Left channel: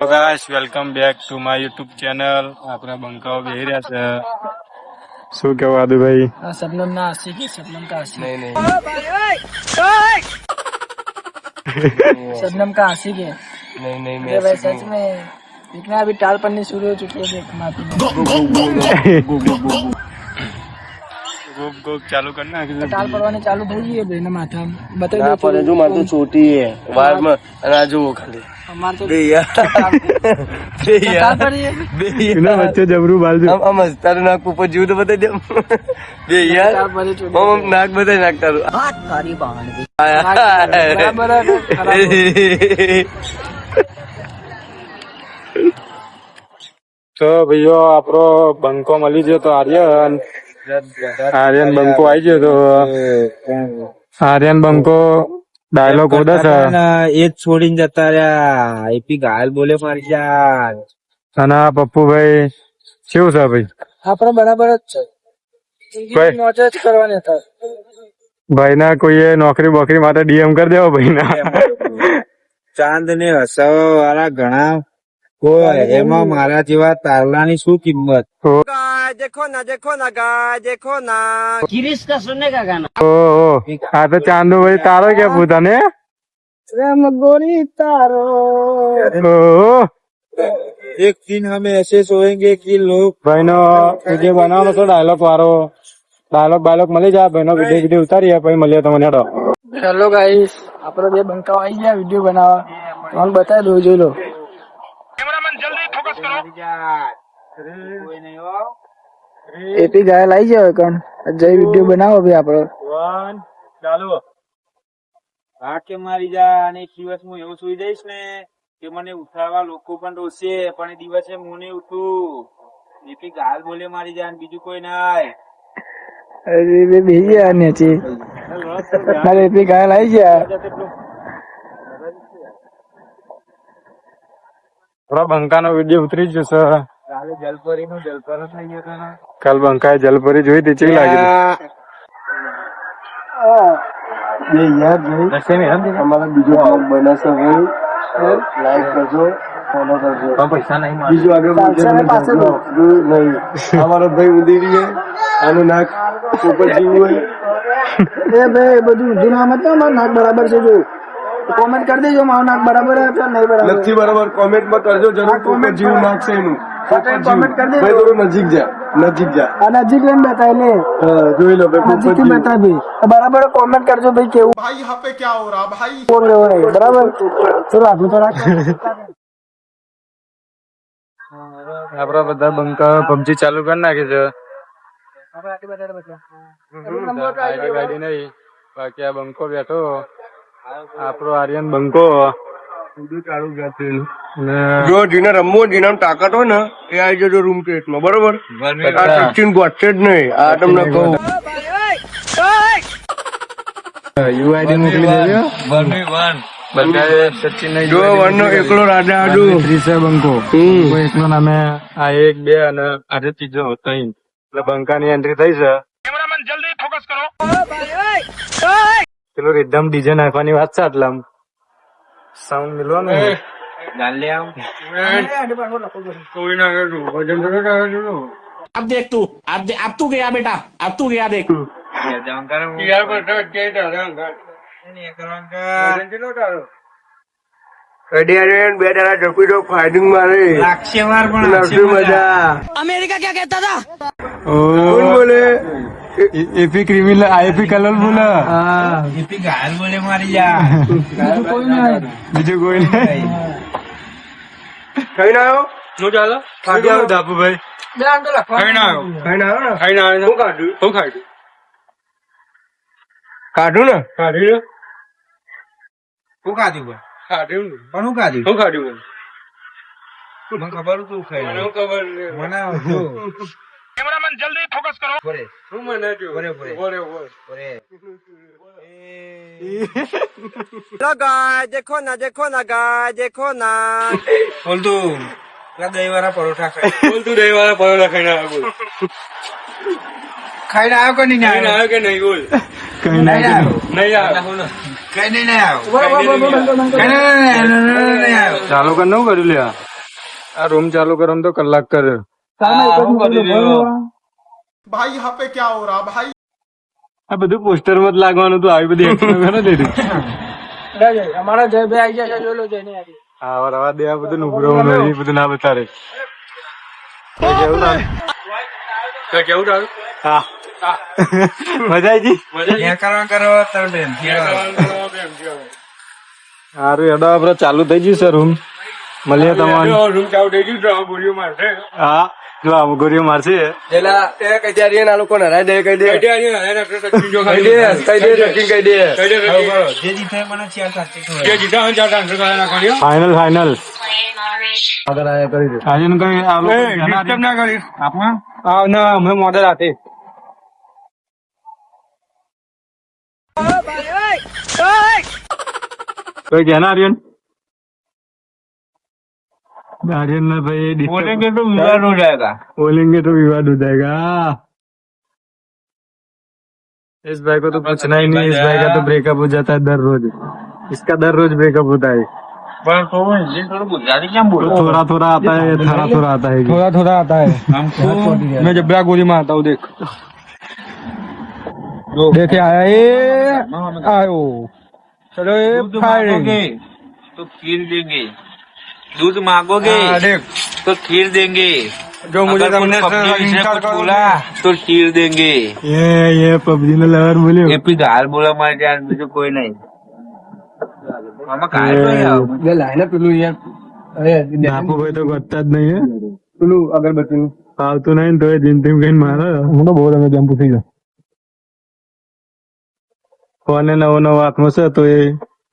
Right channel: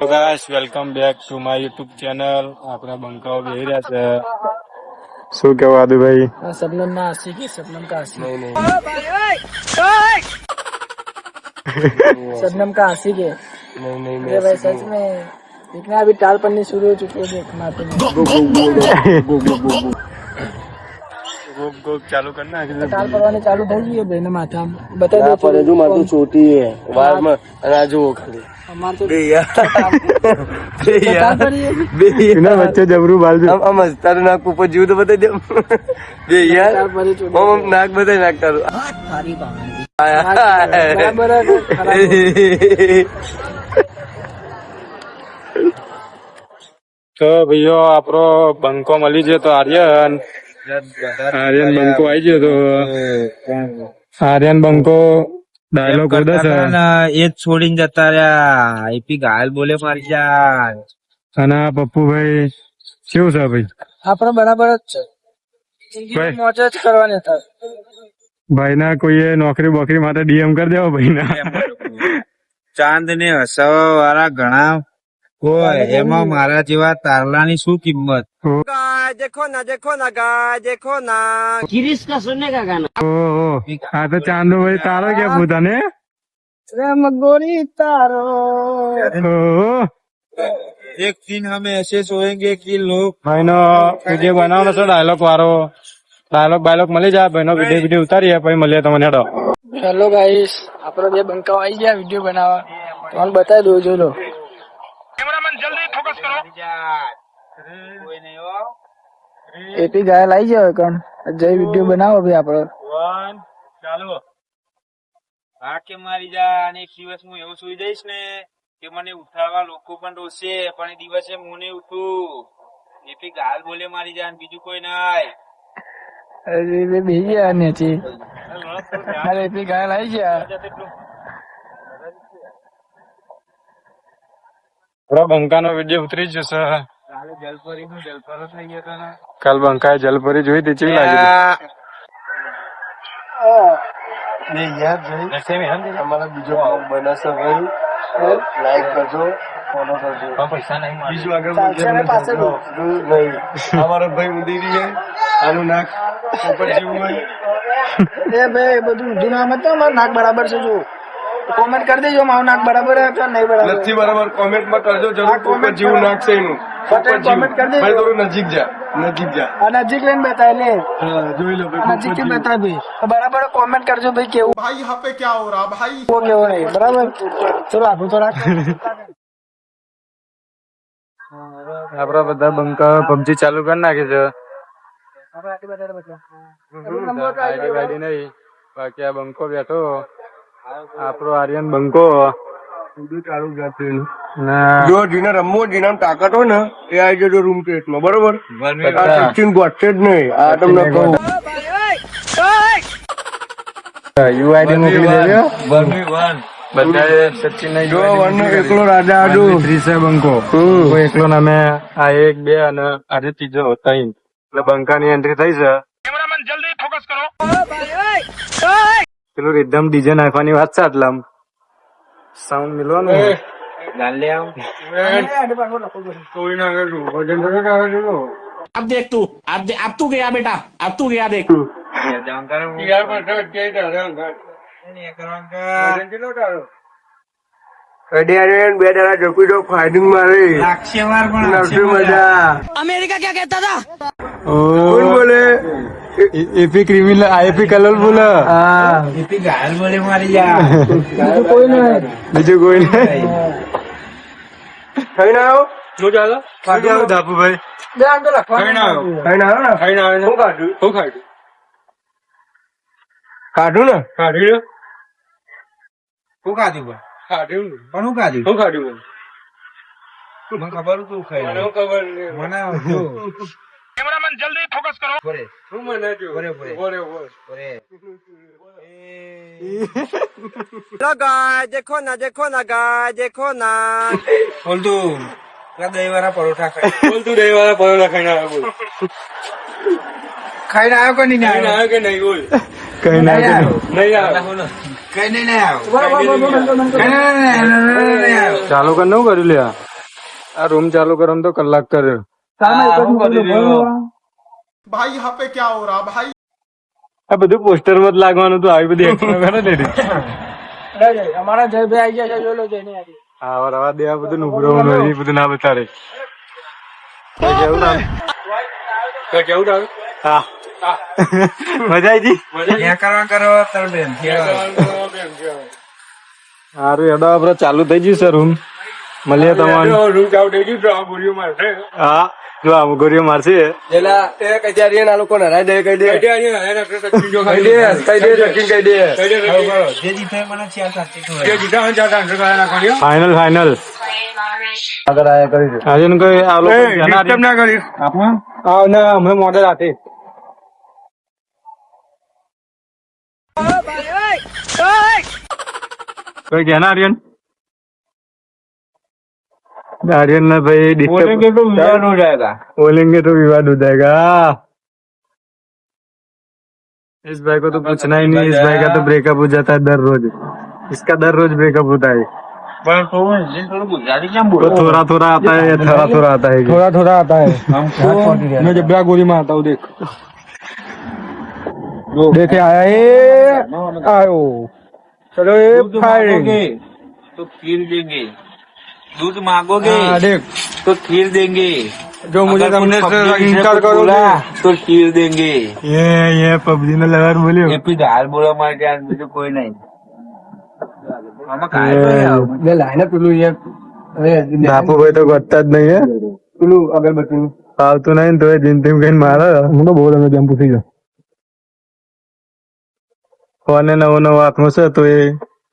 Guys welcome back to my YouTube channel. આપણા બંકાઓ બેહી રહ્યા છે. શું કેવું આદુભાઈ? शबनम ना आशिक है, शबनम का आशिक नहीं शबनम का आशिक है। नहीं अरे भाई सच में देखना, अभी टाल पड़नी शुरू हो चुकी है। देख माथे में गोप गोप चालू करना टाल पड़वाने चालू થઈ ગઈ ભાઈ ને માથા બતા દો पर जो मारतो छोटी है वार में अनाजो खाली અમાર તો बे यार टाल पड़ी है। એના વચ્ચે જબરું બાલજુ. हम तारू नाक ऊपर जीव तो बता दे बे यार टाल पड़ी चुकी हम नाक बता नाक तारू बराबर है, खराब हो તો ભાઈઓ આપણો બંકો મળી ગયો. તો આર્યન બંકો આવી ગયો. તો આર્યન બંકો ડાયલોગ બોલે છે એ જ છોડીને જતા રહ્યા. એપી ગાયલ બોલે મારી જાન. અને આ પપ્પુભાઈ કેવું છે ભાઈ? આપણે બરાબર જ છે. જિંદગી મોજ જ કરવાની હતા. ભાઈ ના કોઈએ નોકરી બોકરી માટે ડીએમ કરી દેવો ભાઈ ના. ચાંદ ને હસાવા વાળા ઘણા કોઈ, એમાં મારા જેવા તારલાની શું કિંમત? देखो ना गाय देखो ना गिरीश का सुनने का गाना ઓહો, આ તો ચાંદુ ભાઈ તારો કે પૂતાને? प्रेम गोरी तारो ઓહો, એક दिन हमें ऐसे सोएंगे कि लोग ભાઈ નો વિડીયો બનાવવાનો છે ડાયલોગ વાળો. ડાયલોગ મળી જાય ભાઈ નો વિડીયો ઉતારીએ પછી મળીએ તમને. હેડો. હેલો ગાઈસ, આપણે બે બંકાઓ આવી ગયા વિડીયો બનાવવા. તમને બતાવી દઉં, જોઈ લો. એપી ગાયલ આવી જાય કણ જઈ વિડીયો બનાવો ભાઈ આપડે. ચાલુ. હા કે મારી જા. અને એક દિવસ હું એવું સુઈ જઈશ ને કે મને ઉઠાડવા લોકો પણ રોશે, પણ એ દિવસે હું નહીં ઉઠું. એપી ગાયલ બોલે મારી જાન, બીજું કોઈ નહીં. અરે બે બેહી ગયા નેચી. મારે એપી ગાયલ આવી ગયા. થોડા બંકા નો વિડીયો ઉતરી જશે. કાલે જલપરી નું જલપરો થઈ ગયો હતો ને. કાલ બંકાએ જલપરી જોઈ હતી, ચેવી લાગી? बे यार भाई हमारा बीजो ब्लॉग बना सब लाइक करजो फॉलो करजो પૈસા નહીં. बीजो आगे नहीं हमारा भाई उंदीरी है आनो नाक ऊपर जीव है એ ભાઈ બધું ઊંધું નામ હતું, મારું નાક બરાબર છે. જો કોમેન્ટ કરી દેજો મારું નાક બરાબર છે કે નહીં બરાબર. નથી બરાબર કોમેન્ટ માં કરજો જરૂર ऊपर जीव नाक से નું ऊपर जीव भाई થોડું નજીક જા આ નજીક લઈને બતાવી લે. हाँ જોઈ लो भाई નજીક થી બતાવી ભાઈ. બરાબર કોમેન્ટ કરજો ભાઈ કેવું भाई यहाँ पे क्या हो रहा भाई કેવું નહીં બરાબર. ચલો આગળ તો રાખ. આપડા બધા બંકા પબજી ચાલુ કરી નાખી છે. આઈડી વાઈડી નહીં, બાકી આ બંકો બેઠો. આપણો આર્યન બંકો. ને જો જેને રમવો જેના તાકાત હોય ને એ આવી જજો રૂમ માં બરોબર. આ સચિન ગોઠે જ નહીં આ તમને કહું. યુઆઈડી મોકલી દેજો. જો વનનો એકલો રાજા આડો ત્રીસે બંકો. કોઈ એકલો નામે આ 1 2 અને આજે ત્રીજો 3 એટલે બંકાની એન્ટ્રી થઈ છે. કેમેરામેન જલ્દી ફોકસ કરો. પેલું એકદમ ડીજે નાખવાની વાત છે. આટલા સાઉન્ડ મિલો ને કોઈ ના अब देख तू, अब तू गया बेटा, अब तू गया देख. બે દાડા ઝપી દો ફાઇટિંગ મારે મજા. अमेरिका क्या कहता था? કોણ બોલે એપી ક્રિમિનલ આઈપી કલર બોલે. એપી ગાયલ બોલે મારી જાન. બીજું કોઈ નહીં. બીજું કોઈ નહીં. ખાઈ ના આવો શું ચાલો? ખાઈ આવો ધાપુભાઈ. બે આમ તો લખવાનું. ખાઈ ના આવો ખાઈ ના આવે. શું કાઢ્યું? કાઢું ને કાઢ્યું ને? શું ખાધું ભાઈ? કાઢ્યું ને? પણ શું ખાધું? શું કાઢ્યું? મને ખબર તું ખાઈ મને ખબર નહીં. મને જો કેમેરામેન જલ્દી ફોકસ કરો. ભરે શું મને થયું? ભરે બોલે. ભરે. ગાય દેખો ના ગાય દેખો ના બોલ તું દહીં વાળા પરોઠા ખાય. બોલ તું દહીં વાળા પરોઠા ખાઈને આવ્યો બોલ. ખાઈને આવ્યો કે નહીં ખાઈને આવ્યો? આવ્યો કે નહીં બોલ. નહીં આવ્યો. નહીં આવ્યો. કઈ નહીં આવ્યો. કઈ નહીં આવ્યો. ચાલુ કર નું કર્યું લે. આ રૂમ ચાલુ કરવાનું તો કલાક કર્યો. આ બધું પોસ્ટર માં જ લાગવાનું હતું. આવી બધી action કરે ને રી. અમારા જયભાઈ આવી જશે, જોઈ લો જઈને આજે. હા રવા દે, આ બધું નુકરો એ બધું ના બતારે. કેવું લાગે? હા મજા આવી સારું હેડો આપડે ચાલુ થઈ જશે રૂમ. મળીએ તમારે. હા જો આ ગોરીઓ મારશે. ફાઈનલ ફાઈનલ આજુ કોઈ આ લોકો ના કરીશ ના હમણાં મોડેલ હાથે कोई क्या ना आर्यन आर्यन ना भाई बोलेंगे तो विवाद हो जाएगा इस भाई को तो पूछना ही नहीं. इस भाई का तो ब्रेकअप हो जाता है दर रोज. इसका दर रोज ब्रेकअप होता है. थोड़ा थोड़ा आता है या थोड़ा थोड़ा आता है. थोड़ा थोड़ा आता है हमको. मैं जब गोली मारता हूँ देख देखे आया आयो. चलो ये फायरिंग तो खीर देंगे. दूध मांगोगे तो खीर देंगे. जो मुझे बोला तो खीर देंगे. ये पबजी ने लवर बोले એ પી ગાલ બોલા મારે ત્યાં બીજું કોઈ નહીં. આમાં ગાલ નહીં આવે. બાપુ ભાઈ તો કરતા જ નહીં હે. પેલું અગરબત્તી આવતું નહીં તો જિંદગી કઈ મારે હું તો બહુ રમે જમ્પ થઈ ગયો. કોને નવું નવું હાથમાં છે તો એ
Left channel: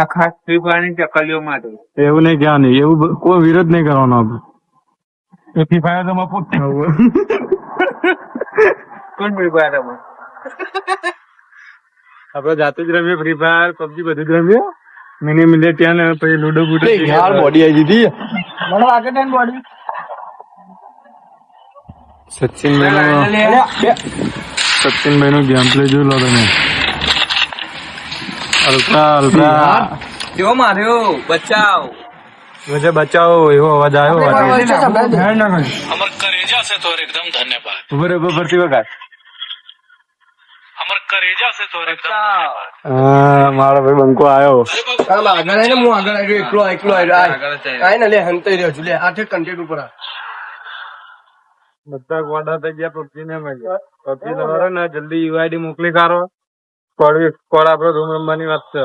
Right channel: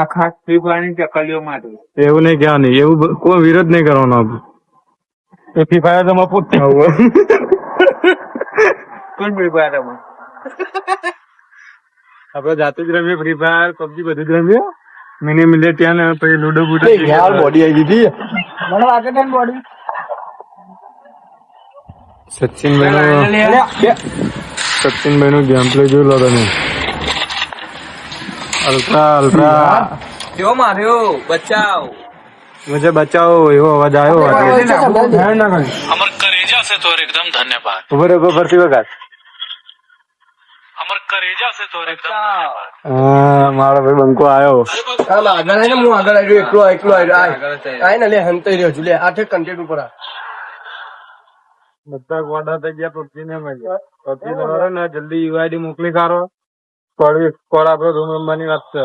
આ ખાસ ફ્રી ફાયર ની ચકલીઓ માટે. એવું નહીં ક્યાં નહીં એવું કોઈ વિરોધ નહીં કરવાનો આપડે. એ ફ્રી ફાયર તો પોતે કોણ ફ્રી ફાયર રમે? આપડે જાતે જ રમીએ ફ્રી ફાયર પબજી બધું જ રમીએ. મિની મિલેટિયા ને પછી લુડો બુડો બોડી આવી ગઈ મને આગળ ને બોડી સચિનભાઈ નું ગેમ પ્લે જોઈ લો તમે. અલ્ટ્રા અલ્ટ્રા કેવો માર્યો? બચાવ. मुझे बचाओ એવો અવાજ આવ્યો ઉભર ઉભર ફરતી વખત મારો ભાઈ બંકો આવ્યો. બધા ગોડા થઈ ગયા પબજી ને પબજી લવારો ને જલ્દી યુઆઈડી મોકલી કાઢો. કોડ આપડે રૂમ રમવાની વાત છે.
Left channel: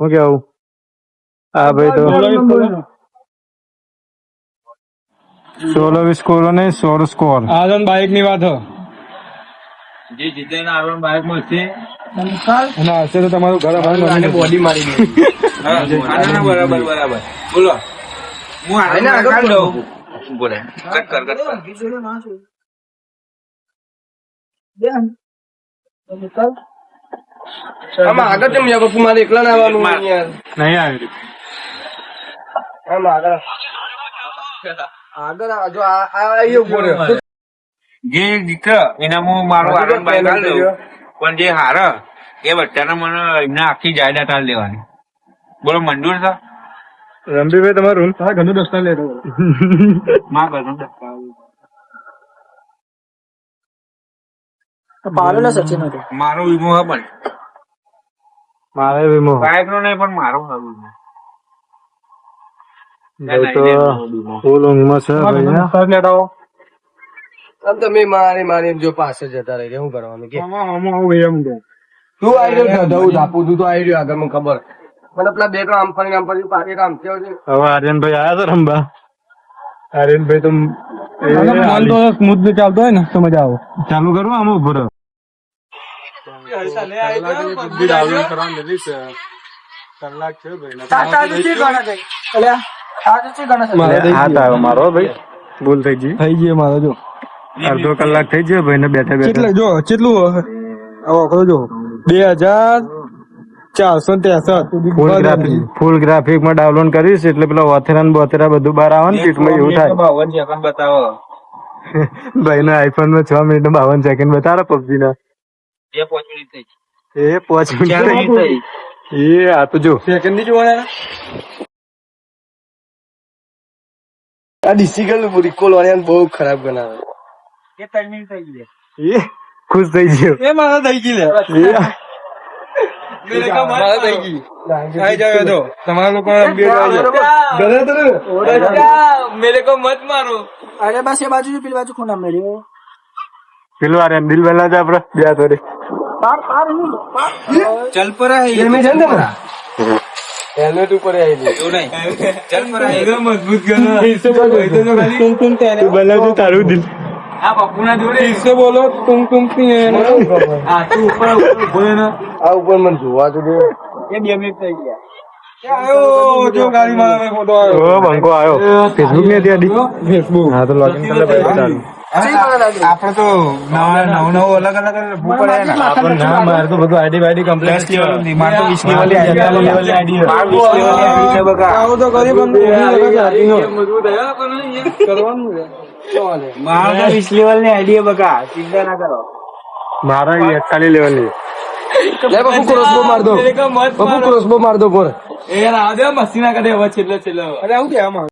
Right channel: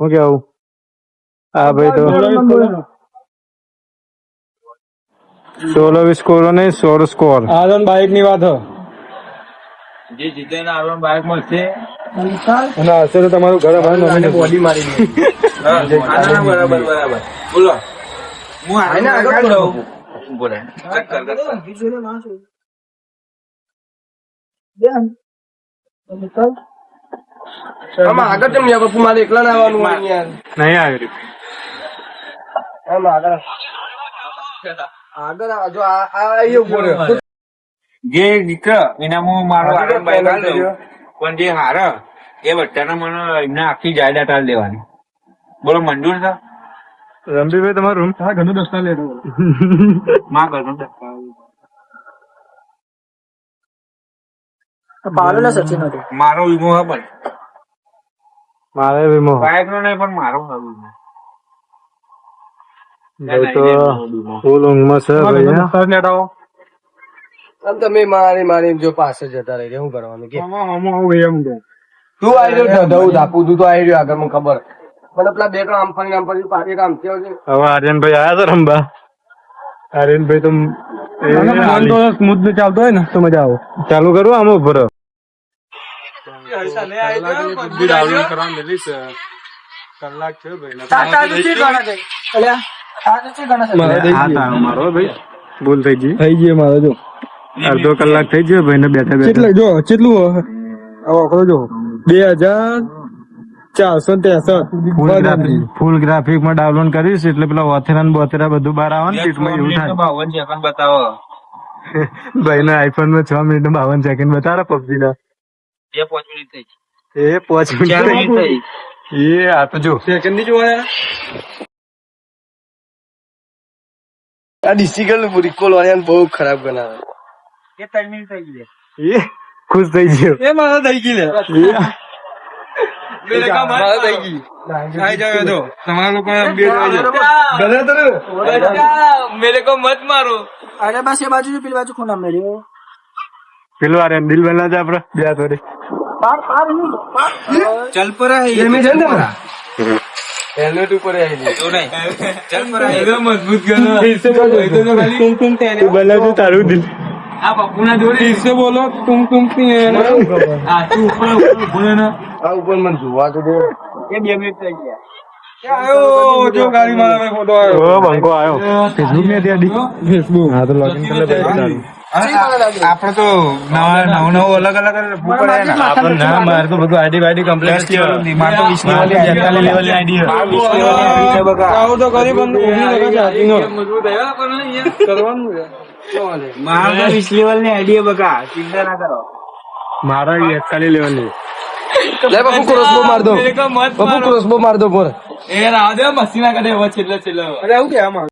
શું કેવું? હા ભાઈ તો 16 સ્કોર નહીં 16 સ્કોર. આ બાઈક ની વાત જે જીતે ને આપણને બાઇક મળશે. અને હશે તો તમારું ઘર બોડી મારી ગઈ. બરાબર બરાબર બોલો. હું આને આગળ દઉં. બોલે કટ કર. આમાં આગળ કેમ યાર? બાપુ મારે એકલા ના આવવાનું નહીં આવી. આગળ જો આ ઉભો રહ્યો. જે જીતે એના હું મારું આનંદ બાઈક હાલ દઉં. પણ જે હાર એ બચ્ચાને મને એમને આખી જાયદાદ હાલ દેવાની. બોલો મંજૂર છે? રમજીભાઈ તમારો રૂમ તારા ઘરનું દસ્તા લે માં કરો પાવેલા સચિન હતું. મારો વીમો હે પણ મારે વીમો બાઈક નો નહીં પણ મારો હે વીમો. તો ફૂલ ઊંઘમાં છે ભાઈ. તમે મારી જો પાસે જતા રહી શું કરવાનું કે એમ કે તું આવી ગયો ધાપુ તું તો આવી ગયો આગળ મને ખબર. મને પેલા બે ત્રણ આમફાની આમ પછી પાછી કામ થયો છે. હવે આર્યનભાઈ આયા છે રમવા. આર્યનભાઈ તો સ્મૂથ ને ચાલતો હોય ને તો મજા આવે. ચાલુ કરું આમ ઉપર ડાઉનલોડ કરવાનું લીધી છે. કલાક છે ભાઈ. હાથ આવ્યો મારો ભાઈ. ભૂલ થઈ ગઈ મારો. જો અડધો કલાક થઈ ગયો ભાઈ ને બેઠા બેઠા. જો કેટલું જો 2463 ફૂલ ગ્રાફિક માં ડાઉનલોડ કરીશ એટલે પેલા વોથેરા ને બોથેરા બધું બહાર આવે ને એટલું એવું થાય. 52 સેકન્ડ બતાવો. ભાઈ ના આઈફોન માં 6 મિનિટ 52 સેકન્ડ બતાવે પબજી ના. એ 5 મિનિટ થઈ. એ 5 મિનિટ થઈ. એ આ તો જો સેકન્ડ ની જોડે આ ડિસિકલ રિકોલ વાળાને બહુ ખરાબ બનાવે. કે 3 મિનિટ થઈ ગઈ એ ખુશ થઈ ગયો. એ મારા થઈ ગઈ લે. તમારા લોકો મેરે કો મત મારો. અરે બસ એ બાજુ પેલી બાજુ ખૂણા મળ્યો. પેલું આ દિલ બના છે આપડે બે થોડી ચલ પર હે એમી છે ને પેલા? હેલ્મેટ ઉપર આવી તો નહીં ચલ પર હે મજબૂત ગયો આ પપ્પુના જોડે इससे बोलो तुम આ તું ઉપર ઉભો રહે ને આ ઉપર મને જોવા તો દે. એ 2 મિનિટ થઈ ગયા आयो जो गाड़ी मारा फोटो आयो ओ બંકો આયો ફેસબુક ને ત્યાં ફેસબુક હા તો લોગિન આપણે તો નવું અલગ અલગ આપણે ના માર તો બધું આઈડી વાઈડી કમ્પ્લીટ લેવાનું માર તો 20 લેવલ 42 લેવલ ની આઈડી છે બકા આવું તો કરી બંધ મજબૂત હે પણ યાર કરવાનું છે મારા 20 લેવલ ની આઈડિયા બકા ચિંતા ના કરો મારા 41 લેવલ ની લે બાપુ ક્રોસબો માર દો. બાપુ ક્રોસબો માર દો પર. એ રાધે મસ્તી ના કરે હવે છેલ્લે અરે આવું કે આમાં